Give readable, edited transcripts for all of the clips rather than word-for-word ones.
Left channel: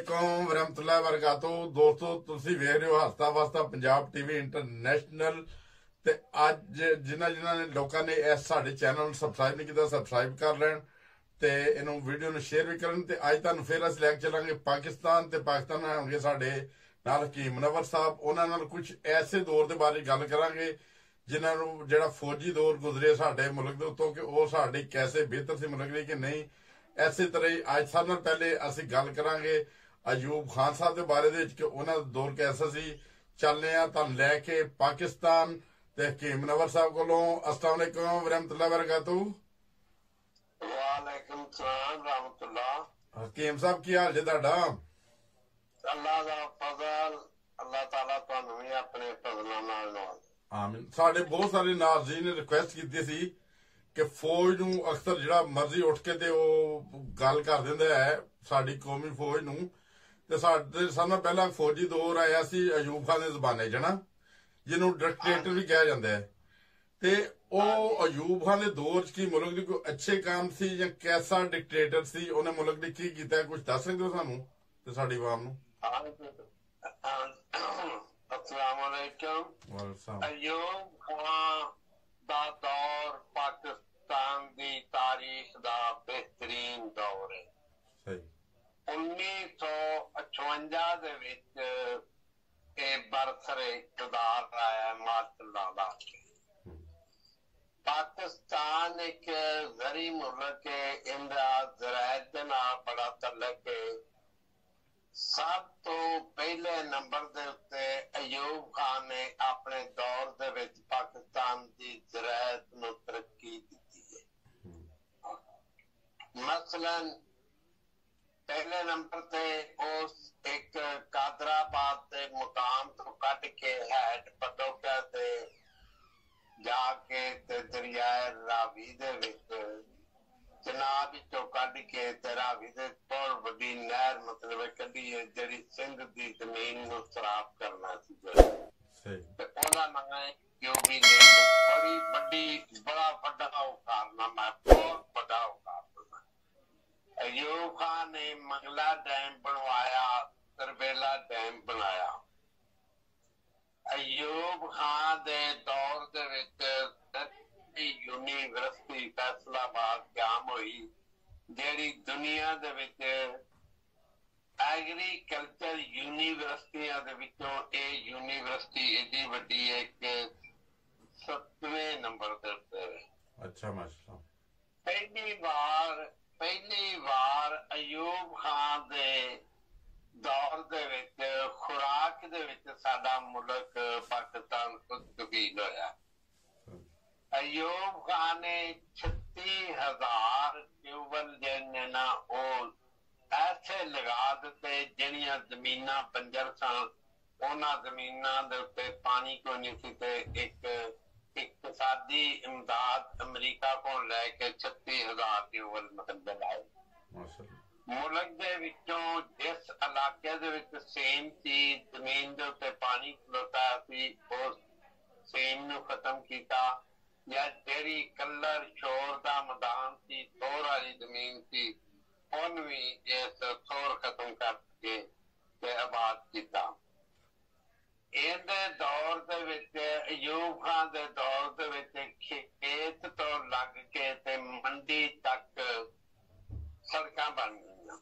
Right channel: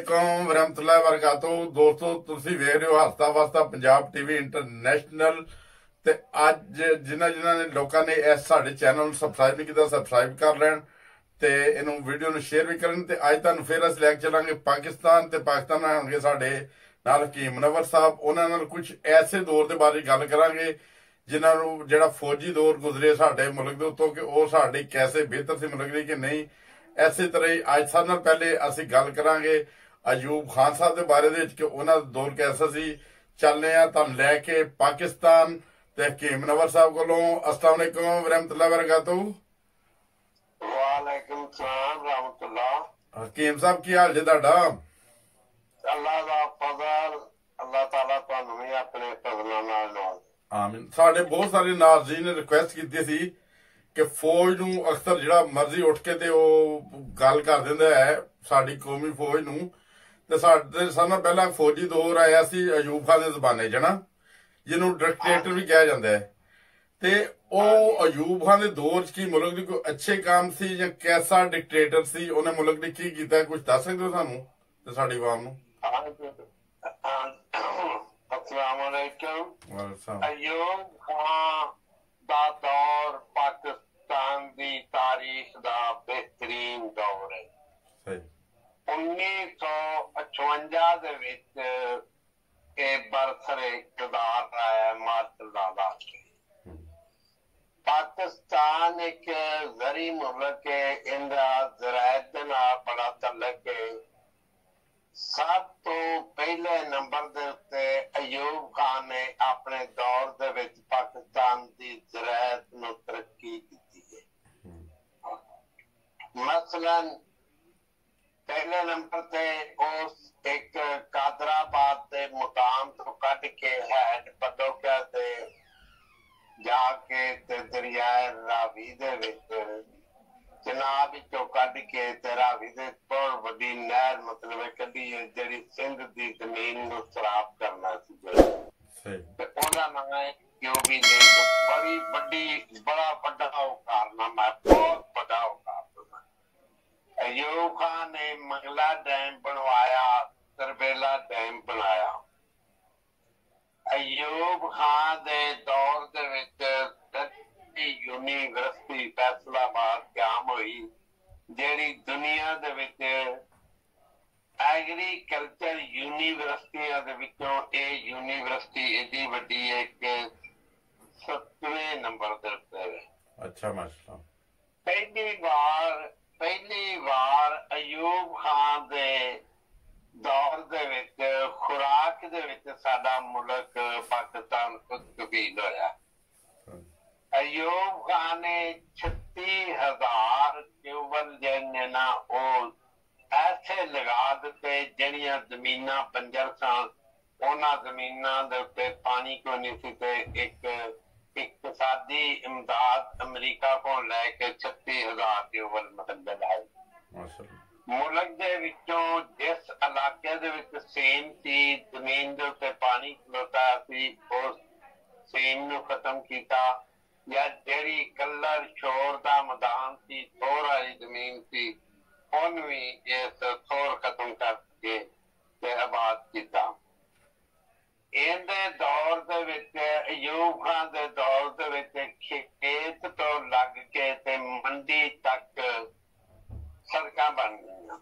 ਵਰਹਿਮਤੁਲਾਹ ਵਰਕਾਤੂ ਦੋਸਤੋ ਤੁਸੀਂ ਵੇਖ ਰਹੇ ਹੋ ਹਸਤਾ ਵਸਤਾ ਪੰਜਾਬ ਟੀਵੀ ਇੰਟਰਨੈਸ਼ਨਲ ਤੇ ਅੱਜ ਜਿਨ੍ਹਾਂ ਨੇ ਲੋਕਾਂ ਨੇ ਇਸ ਸਾਡੇ ਚੈਨਲ ਨੂੰ ਸਬਸਕ੍ਰਾਈਬ ਨਹੀਂ ਕੀਤਾ ਸਬਸਕ੍ਰਾਈਬ ਕਰ ਲੈਣ ਤੇ ਇਹਨੂੰ ਵੀਡੀਓ ਨੂੰ ਸ਼ੇਅਰ ਵੀ ਕਰਨ ਤੇ ਅੱਜ ਤੁਹਾਨੂੰ ਫਿਰ ਅਸੀਂ ਲੈ ਕੇ ਚੱਲਾਂਗੇ ਪਾਕਿਸਤਾਨ ਤੇ ਪਾਕਿਸਤਾਨ ਹੋਣਗੇ ਸਾਡੇ ਨਾਲ ਹਕੀਮ ਮੁਨੱਵਰ ਸਾਹਿਬ ਉਹਨਾਂ ਨਾਲ ਕੁਝ ਐਸੇ ਦੌਰ ਦੇ ਬਾਰੇ ਗੱਲ ਕਰਾਂਗੇ ਜਿਨ੍ਹਾਂ ਨੂੰ ਜਿਹੜਾ ਫੌਜੀ ਦੌਰ ਗੁਜ਼ਰੇ ਸਾਡੇ ਮੁਲਕ ਦੇ ਉੱਤੋਂ ਕਿ ਉਹ ਸਾਡੇ ਕੈਸੇ ਬਿਹਤਰ ਸੀ ਮੁਲਕ ਲਈ ਕਿ ਨਹੀਂ। ਇਸੇ ਤਰ੍ਹਾਂ ਹੀ ਅੱਜ ਸਾਲ ਨਾਲ ਪਹਿਲੇ ਅਸੀਂ ਗੱਲ ਕਰਾਂਗੇ ਅਯੂਬ ਖਾਨ ਸਾਹਿਬ ਦੇ ਬਾਰੇ ਦੇ ਵਿੱਚ ਕਿ ਉਹਨਾਂ ਦਾ ਦੌਰ ਕੈਸਾ ਸੀ। ਚੱਲਦੇ ਆ ਤੁਹਾਨੂੰ ਲੈ ਕੇ ਪਾਕਿਸਤਾਨ ਤੇ ਹਕੀਮ ਮੁਨੱਵਰ ਸਾਹਿਬ ਕੋਲੋਂ। अस्सलाम वालेकुम वरहमतुल्लाह वबरकातुहू। वालेकुम सलाम रहमतुल्लाह। हकीम साहब की हाल जे तुहाडा? अल्लाह दा फजल अल्लाह ताला तुहानू भी अपने फजलां नाल नवाजे। आमीन। साडे बहुत सारे नाज़रीन ने रिक्वेस्ट की सी कि फौज नूं अक्सर जिहड़ा मर्जी उठ के ते ओ गल कर दिंदा है साडी कौमी फौज नूं ते साडे सारे नाल पहला फौजी दौर आया सी अयूब खान दे ज़माने च ना जिन्हों डिक्टेटर भी कहा जाता है ते ओ अयूब खान दे दौर च की मुल्क दी कोई अच्छे काम सी या कैसा डिक्टेटर सी उन्हें मुल्क दी की कीता कुछ दस सकदे हो सानू ते साडी आवाम नूं? अस्सलाम वालेकुम। वालेकुम। अयूब खान दा दौर पाकिस्तान दी तारीख दा बेहतरीन दौर है। सही 1958 दे विच बरसरे इक़्तिदार आया मार्शल लाला। पाकिस्तान एक जरी मुल्क है, इंदा ज़राअत दे नाल बड़ा तल्लक है। सब तो पहले नंबर दे उत्ते अयूब खान ने अपने दौर दे विच पाकिस्तान दी ज़राअत नूं तरक्की दी है। मसलन पहले नंबर ते उस एक कादराबाद के मुकाम तो कट के हैड पदोका ते जाके ते दरियाए रावी दे विच जनाब चो कट के ते रावी दे बहुत बड़ी नहर मतलब कदी है जिहड़ी सिंध दी जमीन नूं सराफ करना सी ते ओहदा नाम है यूबी ने बड़ी बड़ी बड़ा बड़ा कारनामा बहुत बड़ा कारनामा। अयूब खान ने मंगला डैम बनवाया, तरबेला डैम बनाया। अयूब खान दे दौर दे विच यूनिवर्सिटी फैसलाबाद कायम हुई जेड़ी दुनिया दे विच एग्रीकल्चर यूनिवर्सिटियां दे विचों ए यूनिवर्सिटी एडी वड्डी है कि 7वें नंबर ते है। अच्छा माशाअल्लाह। पहली बार अयूब खान दे दौर दे विच खुराक दे विच साडा मुल्क पाकिस्तान खुद कबील होया। अयूब खान ने 36,000 ट्यूबल जिहड़े ना ओ ऐसे लगा दिते जिहड़ियां जमीनां बंजर सन उन्हां जमीनां दे उत्ते पानी कोई नहीं सी ते एक इकतसादी इमदाद अमरीका को लैके 36,000 ट्यूबल मतलब लाए। मुल्क दे विचों जिस इलाके दे विच सेम सी जमीन दे उत्ते पानी खलोता सी उस सेम नूं खत्म कीता या जेड़ी कलर शोर दा मैदान सी थोर वाली जमीन सी उन भी इस थोर खत्म करके ते आबाद कीता। इहदे दौर दे विच अयूब खान दे दौर दे विच खेत तो लग के ते मंडी तक सड़कां बन गईयां।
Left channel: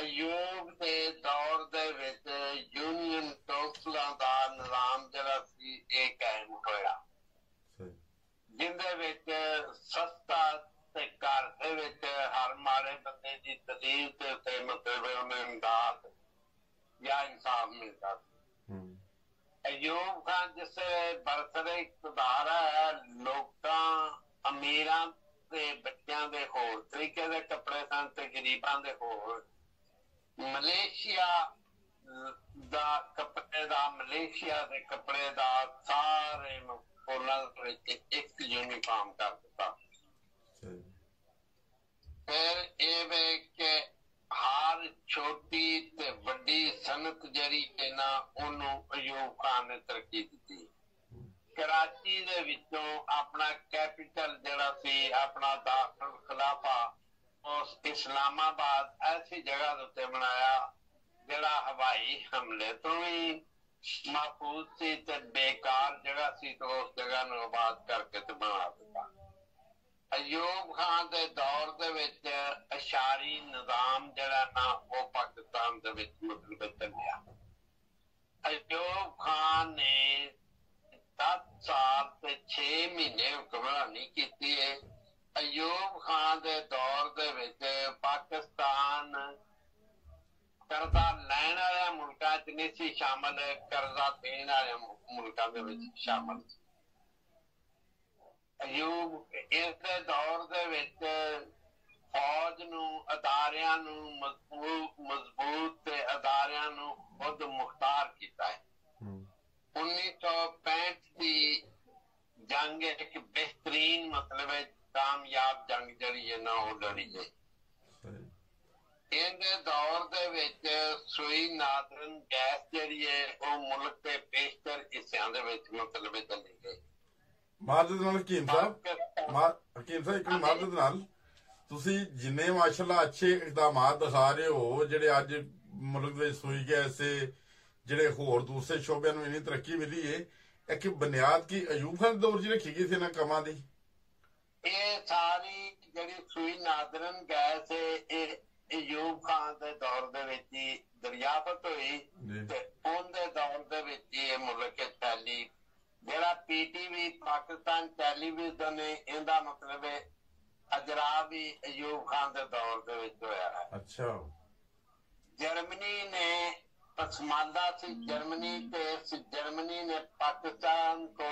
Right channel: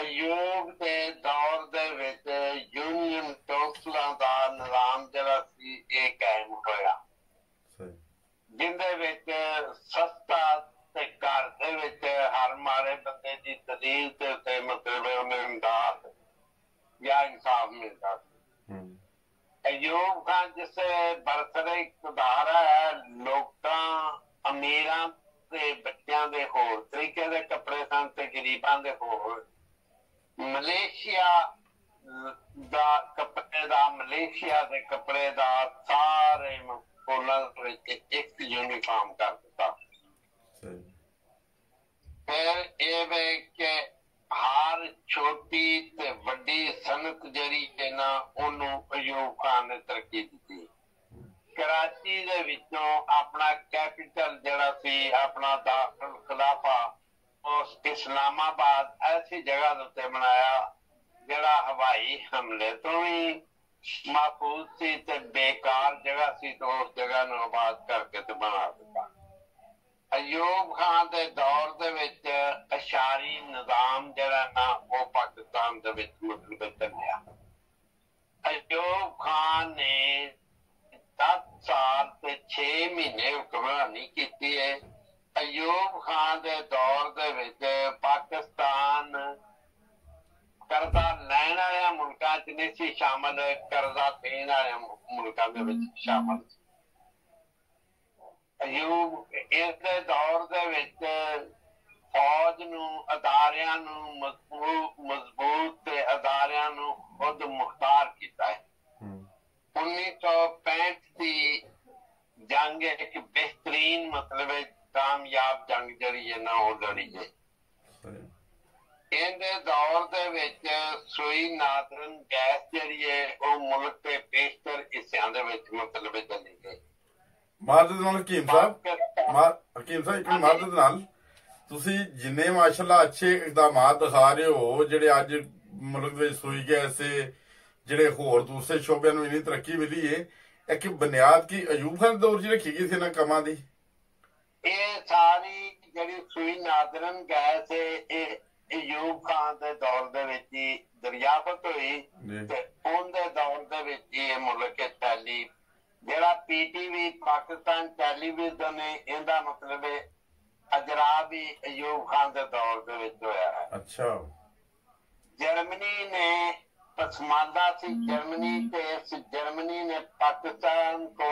अयूब दे दौर दे विच यूनियन कौंसलां दा निज़ाम जिहड़ा सी इह कायम होया जिंदे विच सस्ता ते घर दे विच हर माड़े बंदे दी दलील ते उत्ते मतलब उन्हें इमदाद या इंसाफ मिलता। अयूब खान जिसे बरसरे इक़्तिदार है लोकां अमीरां दे बच्चों दे होर तरीके दे कपड़े सन ते गरीबां दे होर। मलेशिया दा कपड़े दा मलेशिया दे कपड़े दा सारे एक यूनिफॉर्म कर दिता। फिर ये हर छोटी ते वड्डी सनत जरी है ना ओनू अयूब खान ने तरक्की दी। कराची दे विचों अपना कैपिटल जड़ा सी अपना दारुल खिलाफा ਉਸ ਇਸਲਾਮਾਬਾਦ ਐਸੀ ਜਗ੍ਹਾ ਦੇ ਉੱਤੇ ਬਣਾਇਆ ਜਿਹੜਾ ਹਵਾਈ ਹਮਲੇ ਤੋਂ ਵੀ महफूज सी ते बेकार जगह सी, तो उस जगह ਨੂੰ आबाद करके ते बना ਦਿੱਤਾ। अयूब खान ਦੇ ਦੌਰ ਦੇ ਵਿੱਚ ਅਸ਼ਾਰੀ ਨਿਜ਼ਾਮ ਜਿਹੜਾ ਨਾ ਉਹ ਪਾਕਿਸਤਾਨ ਦੇ ਵਿੱਚ ਮਤਲਬ ਚੱਲਿਆ। अयूब खान ने 10 ਸਾਲ ਤੇ 6 ਮਹੀਨੇ ਹੁਕਮਰਾਨੀ ਕੀਤੀ ਹੈ। अयूब खान ਦੇ ਦੌਰ ਦੇ ਵਿੱਚ ਪਾਕਿਸਤਾਨ ਕਰਜ਼ਾ ਲੈਣ ਵਾਲਿਆਂ ਮੁਲਕਾਂ ਚ ਨਹੀਂ ਸੀ ਸ਼ਾਮਲ, ਕਰਜ਼ਾ ਦੇਣ ਵਾਲਿਆਂ ਮੁਲਕਾਂ ਦੇ ਵਿੱਚ ਸ਼ਾਮਲ ਸੀ। ਅਯੂਬ ਇਸਦੇ ਦੌਰ ਦੇ ਵਿੱਚ ਫੌਜ ਨੂੰ, ਅਦਾਰਿਆਂ ਨੂੰ ਮਜ਼ਬੂਤ ਤੇ ਅਦਾਰਿਆਂ ਨੂੰ ਖੁਦ ਮੁਖਤਾਰ ਕੀਤਾ ਹੈ। 1965 ਦੀ ਜੰਗ ਇੱਕ ਬਿਹਤਰੀਨ ਮਤਲਬ ਕਾਮਯਾਬ ਜੰਗ ਜਿਹੜੀ ਹੈ ਨਾ ਉਹ ਲੜੀ ਹੈ। ਇਹਦੇ ਦੌਰ ਦੇ ਵਿੱਚ ਸੂਈ ਨਾਦਰਨ ਗੈਸ ਜਿਹੜੀ ਹੈ ਉਹ ਮੁਲਕ ਦੇ ਪੇਸ਼ਤਰ ਹਿੱਸਿਆਂ ਦੇ ਵਿੱਚ ਮਤਲਬ ਚੱਲੀ ਗਈ। ਮਾਰਦ ਨਾਲ ਹਕੀਮ ਸਾਹਿਬ ਇੱਕ ਮਾਰਦ ਨਾਲ ਤੁਸੀਂ ਜਿੰਨੇ ਮਾਸ਼ਾਅੱਲਾ ਅੱਛੇ ਇਕਦਾਮਾਤ ਦਿਖਾ ਰਹੇ ਹੋ, ਜਿਹੜੇ ਅੱਜ ਮੁਲਕ ਵਿੱਚ ਸੂਈ ਗੈਸ ਤੇ ਜਿਹੜੇ ਹੋਰ ਦੂਸਰੇ ਸ਼ੋਬਿਆਂ ਨੂੰ ਇੰਨੀ ਤਰੱਕੀ ਮਿਲੀ ਹੈ, ਇੱਕ ਬੁਨਿਆਦ ਕੀ ਅਯੂਬ ਖਾਨ ਦੌਰ ਚ ਰੱਖੀ ਗਈ ਸੀ ਇਹਨਾਂ ਕੰਮਾਂ ਦੀ? ਇਹ ਸਾਰੀ ਜਿਹੜੀ ਸੂਈ ਨਾਦਰਨ ਗੈਸ ਹੈ ਇਹ ਅਯੂਬ ਖਾਨ ਦੇ ਦੌਰ ਦੇ ਵਿੱਚ ਹੀ ਦਰਿਆਫਤ ਹੋਈ ਤੇ ਉਹਦੇ ਦੌਰ ਦੇ ਵਿੱਚ ਇਹ ਮੁਲਕ ਚੱਲੀ। ਜਿਹੜਾ PTV ਪਾਕਿਸਤਾਨ ਟੈਲੀਵਿਜ਼ਨ ਹੈ ਇਹਦਾ ਮਤਲਬ ਹੈ ਅਜਰਾ ਵੀ ਅਯੂਬ ਖਾਨ ਦੇ ਦੌਰ ਦੇ ਵਿੱਚ ਹੋਇਆ ਹੈ। ਅੱਛਾ। ਜਰਮਨੀ ਨੇ ਪਸਮਾਨਦਾ ਸੀ, ਜਰਮਨੀ ਨੇ ਪਾਕਿस्तान को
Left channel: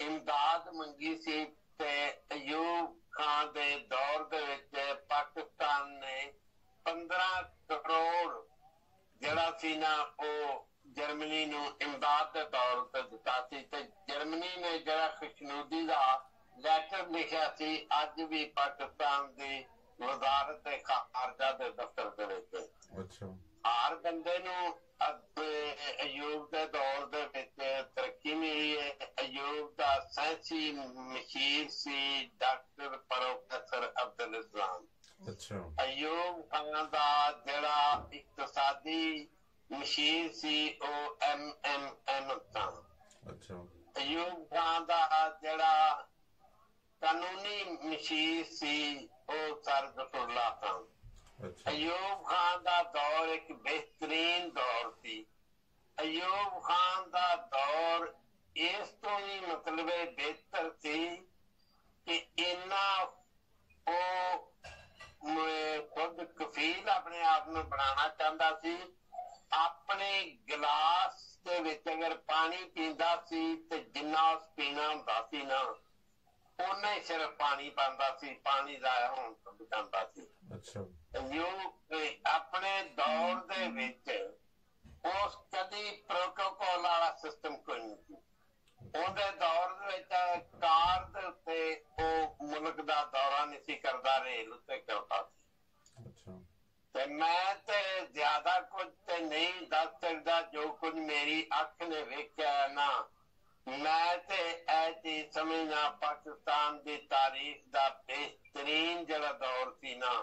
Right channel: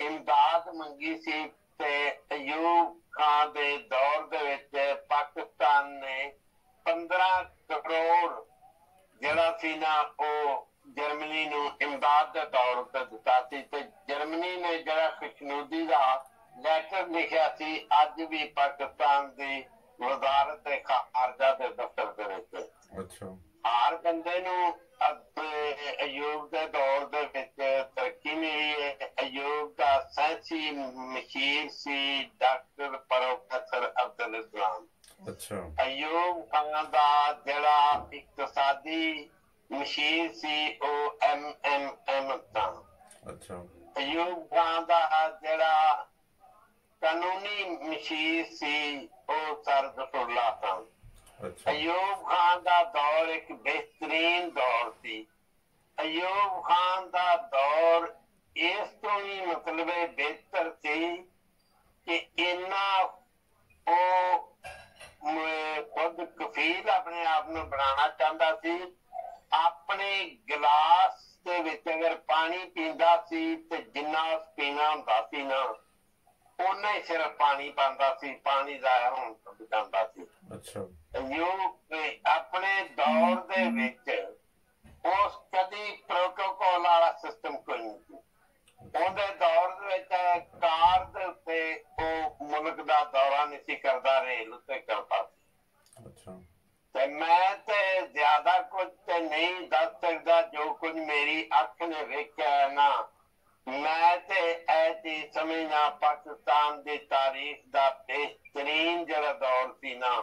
इमदाद मंगी सी ते अयूब खान दे दौर दे विच पाकिस्तान ने 15 करोड़ जिहड़ा सी ना ओ जर्मनी नूं इमदाद दे तौर ते दित्ता सी ते जर्मनी ने जिहड़ा खुशनुदी दा लैटर लिखिया सी अज भी पाकिस्तान दी वजारत खारजा दे दफ्तर दे विच। अच्छा। हर बंदे नूं अयूब के दौर दे विच तरक्की मिली है। अयूब का साइंसी मशीर सी डॉक्टर प्रोफेसर अब्दुल इस्लाम। अच्छा। अयूब खान दा जिहड़ा इक्तसादी मशीर सी ओ MMM था। अच्छा। अयूब खान दा जिहड़ा कानूनी मशीर सी ओ सर गफुरल्लाह था। अयूब खान का दौर एक बेहतरीन दौर थी। अयूब खान का दौर इस तो ही मतलब बेहतर थी कि इन्ना खुद कफील अपने आप में बनाना चाहता सी। अपने गिलास दे विच अगर पानी पींदा सी ते जिन्ना उस पीना हुंदा सी ना उन्ना ही सिर्फ पानी पांदा सी, पानी जाया होण तो बचांदा सी। अच्छा। अपने दौर दे विच उस कदी प्रोटोकॉल वाला सिस्टम कोई नहीं सी। उहदे दौर दे विच कार दे उत्ते ओ मुल्क दा दौरा नहीं सी करदा, रेल उत्ते करदा सी। अच्छा। ते मैं ते ज्यादा कुछ ते नहीं दस सकदा, जो कुछ मेरी अख ने वेख्या है ना मैं ते ऐ चीज समझना पाकिस्तान दी तारीख दा बेहतरीन जिहड़ा दौर सी ना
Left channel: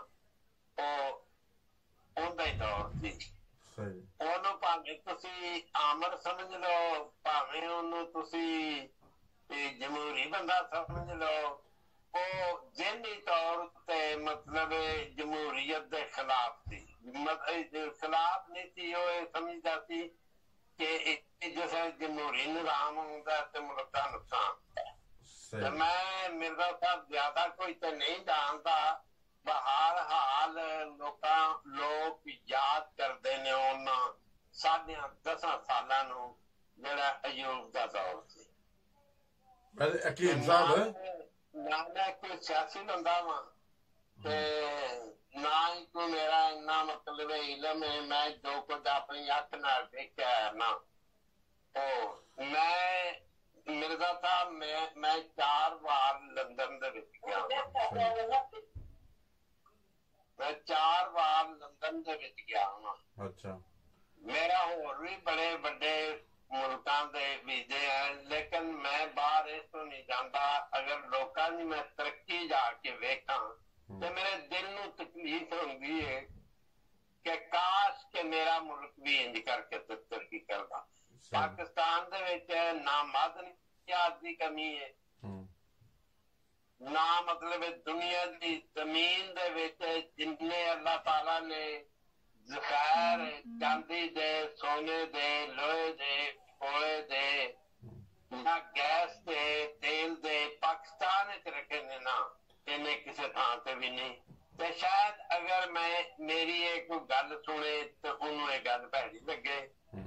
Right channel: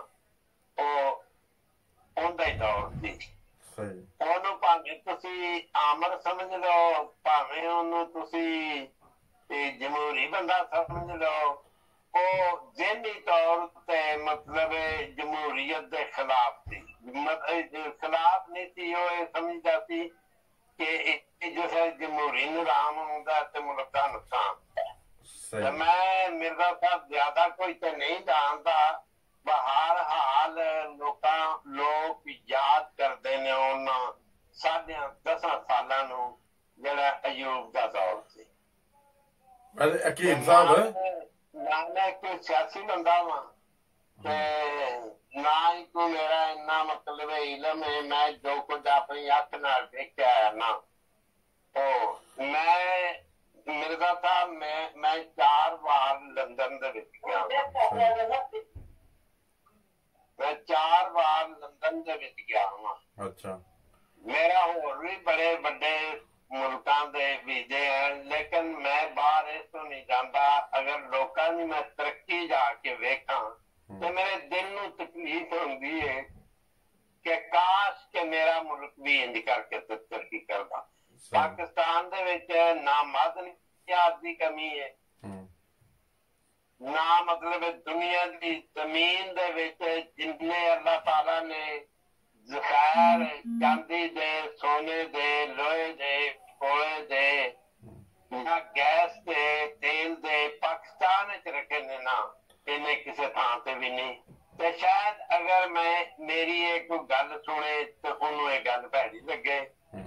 ਉਹਦਾ ਹੀ ਦੌਰ ਸੀ। ਉਹਨੂੰ ਭਾਵੇਂ ਤੁਸੀਂ ਆਮਰ ਸਮਝ ਲਓ, ਭਾਵੇਂ ਉਹਨੂੰ ਤੁਸੀਂ ਜਮਹੂਰੀ ਬੰਦਾ ਸਮਝ ਲਓ, ਉਹ ਜਿਹਨੀ ਤੌਰ ਤੇ ਮਤਲਬ ਜਮਹੂਰੀਅਤ ਦੇ ਖਿਲਾਫ ਸੀ, ਖਿਲਾਫ ਨਹੀਂ ਸੀ। ਉਹ ਇਹ ਸਮਝਦਾ ਸੀ ਕਿ ਜਿਸ ਜਮਹੂਰੀ ਨਿਜ਼ਾਮ ਹੁੰਦਾ ਤੇ ਮੁਲਕ ਦਾ ਨੁਕਸਾਨ ਹੁੰਦਾ। ਮੈਂ ਮਿਰਜ਼ਾ ਸਾਹਿਬ ਜ਼ਿਆਦਾ ਕੋਈ ਤੇ ਨਹੀਂ ਜਾਣਦਾ, ਬਹਰ ਹਾਲ ਲੋਕ ਯਾਦ ਕਰਦੇ ਨੇ ਉਹਨਾਂ 10.5 ਸਾਲਾਂ ਨੂੰ ਜਿਹੜਾ ਅਯੂਬ ਦਾ ਦੌਰ ਸੀ। ਹਕੀਮ ਸਾਹਿਬ ਮੈਂ ਕੋਈ ਸਿਆਸੀ ਬੰਦਾ ਵਾਂ ਤੇ ਨਾ ਹੀ ਕੋਈ ਮੇਰਾ ਇੰਨਾ ਮਤਲਬ ਇਲਮ ਹੈ। ਮੈਂ ਜੋ ਕੁਝ ਆਪਣੀ ਅੱਖ ਨਾਲ ਦੇਖਿਆ ਹੈ ਨਾ ਉਹ ਮੈਂ ਮਿਰਜ਼ਾ ਸਾਹਿਬ ਮੈਂ 4 ਵਾਰ ਲੰਦਨ ਦੇ ਵਿੱਚ ਗਿਆ। मैं 4 बार लंदन ਦੇ ਵਿੱਚ ਗਿਆ ਹਾਂ। ਅੱਛਾ। ਮੇਰਾ ਹੋਰ ਵੀ ਬੜੇ ਵੱਡੇ ਮੁਲਕਾਂ ਦੇ ਵੀਜ਼ੇ ਹਨ, ਲੇਕਿਨ ਮੈਂ ਬਾਹਰ ਇਸ ਤੋਂ ਨਹੀਂ ਜਾਂਦਾ। ਅਗਰ ਲੋਕਾਂ ਦੀ ਮੈਂ ਤਰੱਕੀ ਜਾ ਕੇ ਵੇਖਾਂ ਤੇ ਮੇਰੇ ਦਿਲ ਨੂੰ ਤਕਲੀਫ ਹੁੰਦੀ ਹੈ ਕਿ ਕਾਸ਼ ਕਿ ਮੇਰਾ ਮੁਲਕ ਵੀ ਇੰਜ ਕਰਕੇ ਤਰੱਕੀ ਕਰਦਾ। ਪਾਕਿਸਤਾਨ ਦੇ ਵਿੱਚ ਨਾ ਮਾਦਨੀਅਤ ਦੀ ਕਮੀ ਹੈ, ਨਾ ਮਤਲਬ ਦੁਨੀਆ ਦੀ ਜ਼ਮੀਨ ਦੇ ਵਿੱਚ ਜਿੰਨੇ ਅੱਲਾਹ ਤਾਲਾ ਨੇ ਜ਼ਖਾਇਰ ਚਾਂਦੀ ਦੇ, ਸੋਨੇ ਦੇ, ਲੋਹੇ ਦੇ, ਕੋਲੇ ਦੇ, ਨਾ ਗੈਸ ਦੇ, ਤੇਲ ਦੇ ਪਾਕਿਸਤਾਨ ਵਿੱਚ ਰੱਖੇ ਨੇ, ਨਾ ਇਹਨੇ ਕਿਸੇ ਥਾਂ ਤੇ ਵੀ ਨਹੀਂ। ਤੇ ਸ਼ਾਇਦ ਅਗਰ ਮੇਰੀ ਇਹ ਕੋਈ ਗੱਲ ਸੁਣੇ ਤੇ ਉਹਨੂੰ ਇਹ ਗੱਲ ਭੈੜੀ ਲੱਗੇ।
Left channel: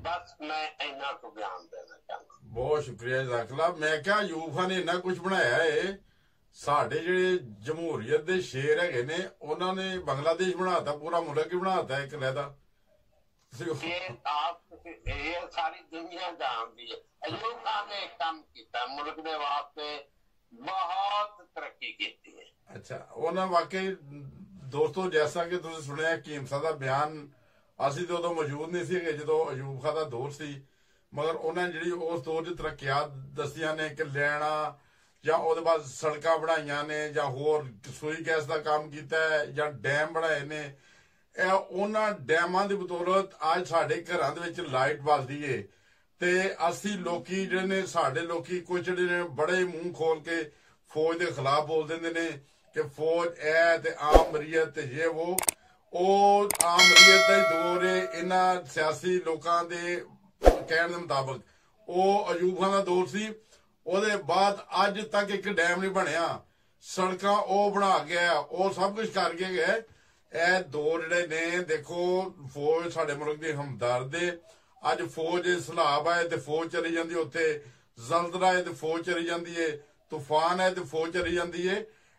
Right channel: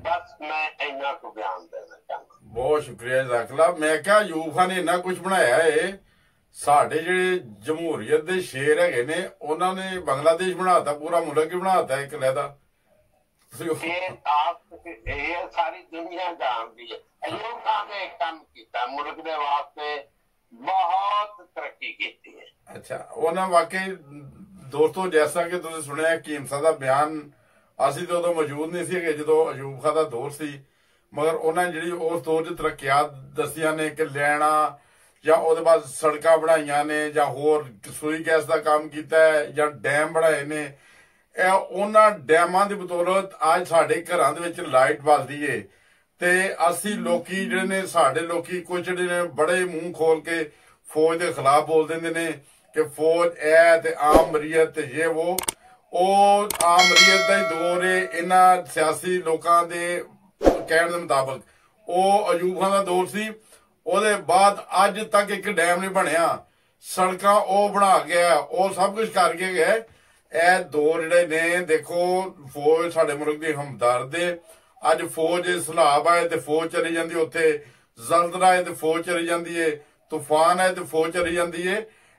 ਬਸ ਮੈਂ ਇੰਨਾ ਕੁ ਬਿਆਨ ਦੇਣਾ ਚਾਹੁੰਦਾ। ਬਹੁਤ ਸ਼ੁਕਰੀਆ ਜ਼ਾਕਲਾ। ਮੈਂ ਕਿਹਾ ਅਯੂਬ ਖਾਨ ਨੇ ਇੰਨਾ ਕੁਝ ਬਣਾਇਆ ਏ। ਸਾਡੇ ਜਿਹੜੇ ਜਮਹੂਰੀਅਤ ਦੇ ਸ਼ੇਰ ਹੈਗੇ ਨੇ ਉਹਨਾਂ ਨੇ ਬੰਗਲਾਦੇਸ਼ ਬਣਾਤਾ, ਪੂਰਾ ਮੁਲਕ ਹੀ ਬਣਾਤਾ ਇੱਕ ਲਹਿਦਾ। ਇਹ ਸਾਰੀ ਦੁਨੀਆ ਜਾਣਦੀ ਹੈ ਅਯੂਬ ਖਾਨ ਨੇ ਕੰਮ ਕੀਤਾ, ਮੁਲਕ ਦੇ ਵਾਸਤੇ ਬਹੁਤ ਤਰੱਕੀ ਕੀਤੀ ਹੈ। ਅੱਛਾ, ਉਹਨਾਂ ਵਾਕਈ ਦੋਸਤੋ ਜੈਸਾ ਕਿ ਤੁਸੀਂ ਸੁਣਿਆ ਹਕੀਮ ਸਾਹਿਬ ਦਾ ਬਿਆਨ, ਅਸੀਂ ਤਾਂ ਉਦੋਂ ਮੌਜੂਦ ਨਹੀਂ ਸੀਗੇ ਜਦੋਂ ਅਯੂਬ ਖਾਨ ਦਾ ਦੌਰ ਸੀ, ਮਗਰ ਉਹਨਾਂ ਜਿਹੜੀ ਉਸ ਦੌਰ 'ਚ ਤਰੱਕੀਆਤ ਦੱਸੀਆਂ ਨੇ ਕਿ ਲੈਣਾ ਜਾਂ ਉਹਦੇ ਬਾਅਦ ਸੜਕਾਂ ਬਣਾਈਆਂ ਨੇ ਜਾਂ ਹੋਰ ਸੂਈ ਗੈਸ ਦਾ ਕੰਮ ਕੀਤਾ ਹੈ ਜਾਂ ਡੈਮ ਬਣਾਏ ਨੇ। ਇਹ ਉਹਨਾਂ ਡੈਮਾਂ ਦੀ ਬਦੌਲਤ ਅੱਜ ਸਾਡੇ ਘਰਾਂ ਦੇ ਵਿੱਚ ਲਾਈਟ ਬਲਦੀ ਏ। ਤੇ ਅਸੀਂ ਲੋਕੀ ਜਿਹੜੇ ਨੇ, ਸਾਡੇ ਲੋਕੀ ਕੁਝ ਜਿਹੜੇ ਨੇ ਬੜੇ ਮੂੰਹ ਖੋਲ ਕੇ ਫੌਜ ਦੇ ਖਿਲਾਫ ਬੋਲ ਦਿੰਦੇ ਨੇ ਕਿ ਫੌਜ ਐ ਤੇ ਆਮ ਮਰੀਅਤ ਤੇ ਇਹ ਉਹ ਆਮ ਮਰੀਅਤ ਦਾ ਹੀ ਦੌਰ ਏ। ਇਹਨਾਂ ਸਿਆਸੀ ਲੋਕਾਂ ਦੇ ਕਹਿਣ ਦੇ ਮੁਤਾਬਕ ਉਹ ਅਯੂਬ ਖਾਨ ਦਾ ਦੌਰ ਸੀ। ਉਹਦੇ ਬਾਅਦ ਅੱਜ ਤੱਕ ਇੱਕ ਡੈਮ ਨਹੀਂ ਬਣਿਆ, ਸੜਕਾਂ ਉਹ ਬਣਾ ਗਿਆ, ਉਹ ਸਭ ਕੁਝ ਕਰ ਕੇ ਗਿਆ। ਇਹ ਦੌਰ ਜਿਹੜੇ ਨੇ ਦੇਖੋ, ਫੌਜ ਸਾਡੇ ਮੁਲਕ ਦੀ ਹਮਦਰਦ ਏ। ਅੱਜ ਫੌਜ ਸਲਾਬ ਆਏ ਤੇ ਫੌਜ ਚਲੀ ਜਾਂਦੀ, ਉੱਥੇ ਜ਼ਲਜ਼ਲਾ ਆਏ ਤੇ ਫੌਜ ਚਲੀ ਜਾਂਦੀ ਏ, ਤੂਫਾਨ ਆਏ ਤੇ ਫੌਜ ਚਲੀ ਜਾਂਦੀ ਏ।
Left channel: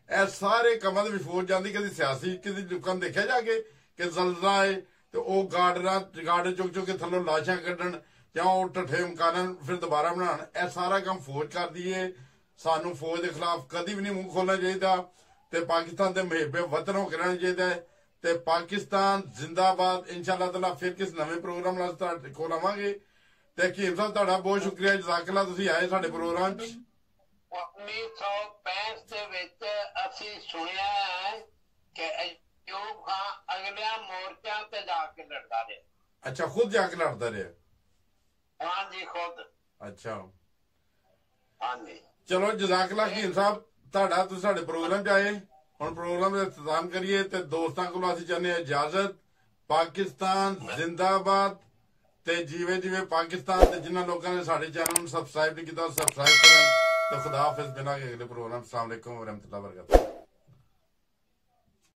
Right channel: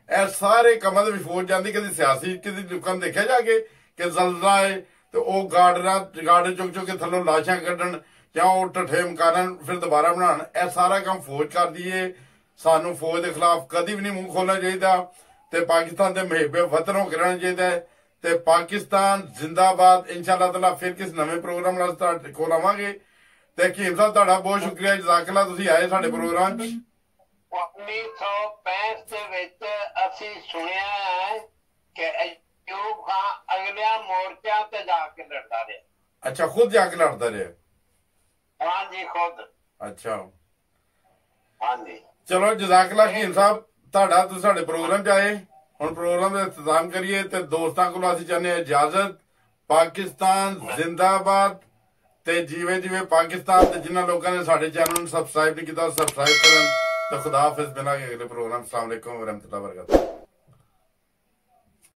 ਇਹ ਸਾਰੇ ਕੰਮਾਂ ਦੇ ਵੀ ਫੌਜ ਜਾਂਦੀ। ਕਦੀ ਸਿਆਸੀ ਕਿਸੇ ਲੋਕਾਂ ਨੂੰ ਦੇਖਿਆ ਜਾ ਕੇ ਕਿ ਜ਼ਲਜ਼ਲਾ ਆਏ ਤੇ ਉਹ ਗਾਰਡਨ ਚੁੱਕ ਕੇ ਥੱਲੋਂ ਲਾਸ਼ਾਂ ਕੱਢਣ ਜਾਂ ਉਹ ਢੱਠੇ ਮਕਾਨ ਫਿਰ ਦੁਬਾਰਾ ਬਣਾਉਣ। ਇਹ ਸਾਰਾ ਕੰਮ ਫੌਜ ਕਰਦੀ ਏ। ਸਾਨੂੰ ਫੌਜ ਦੇ ਖਿਲਾਫ ਕਦੀ ਵੀ ਨਹੀਂ ਮੂੰਹ ਖੋਲਣਾ ਚਾਹੀਦਾ ਤੇ ਪਾਕਿਸਤਾਨ ਦੇ ਮੁਹਿੱਬੇ ਵਤਨ ਹੋ ਕੇ ਰਹਿਣਾ ਚਾਹੀਦਾ ਹੈ। ਤੇ ਪਾਕਿਸਤਾਨ ਜ਼ਿੰਦਾਬਾਦ। ਇੰਸ਼ਾਅੱਲਾ ਤਾਲਾ ਫਿਰ ਕਿਸ ਨਵੇਂ ਪ੍ਰੋਗਰਾਮ ਨਾਲ ਤੁਹਾਡੇ ਕੋਲ ਆਵਾਂਗੇ। ਤੇ ਹਕੀਮ ਸਾਹਿਬ ਤੁਹਾਡਾ ਬਹੁਤ ਸ਼ੁਕਰੀਆ, ਜਜ਼ਾਕੱਲਾ, ਤੁਸੀਂ ਆਏ ਸਾਡੇ ਪ੍ਰੋਗਰਾਮ 'ਚ। 1965 ਦੇ ਵਿੱਚ ਅਸੀਂ ਸੁਣਿਆ ਹੈ ਕਿ ਅਯੂਬ ਖਾਨ ਅਗਲਿਆਂ ਮੋਰਚਿਆਂ ਤੇ ਜਾ ਕੇ ਲੜਦਾ ਰਿਹਾ। ਅੱਛਾ, ਖੁਦ ਜਾ ਕੇ ਲੜਦਾ ਰਿਹਾ? ਹਾਂਜੀ, ਖੁਦ। ਅੱਛਾ, ਹਾਂਜੀ। ਚਲੋ ਜਜ਼ਾਕੱਲਾ ਹਕੀਮ ਸਾਹਿਬ ਤੁਹਾਡਾ, ਤੁਸੀਂ ਸਾਡੇ ਪ੍ਰੋਗਰਾਮ 'ਚ ਆਏ। ਹੁਣ ਪ੍ਰੋਗਰਾਮ ਦਾ ਇੰਤਜ਼ਾਮ ਕਰੀਏ ਤੇ ਦੋਸਤਾਂ ਕੋਲੋਂ ਅਸੀਂ ਚਾਹੁੰਦੇ ਹਾਂ ਇਜਾਜ਼ਤ। ਪਾਕਿਸਤਾਨ ਜ਼ਿੰਦਾਬਾਦ। ਤੇ ਜਿਵੇਂ ਪਾਕਿਸਤਾਨ ਤੇ ਜਿਨ੍ਹਾਂ ਲੋਕਾਂ ਨੇ ਸਾਡੇ ਚੈਨਲ ਨੂੰ ਸਬਸਕ੍ਰਾਈਬ ਨਹੀਂ ਕੀਤਾ, ਸਬਸਕ੍ਰਾਈਬ ਕਰਨ। ਤੇ ਖੁਦਾ ਹਾਫਿਜ਼। ਮਿਲਾਂਗੇ ਅਗਲੇ ਪ੍ਰੋਗਰਾਮ। अस्सलाम वालेकुम व रहमतुल्लाहि व बरकातहू।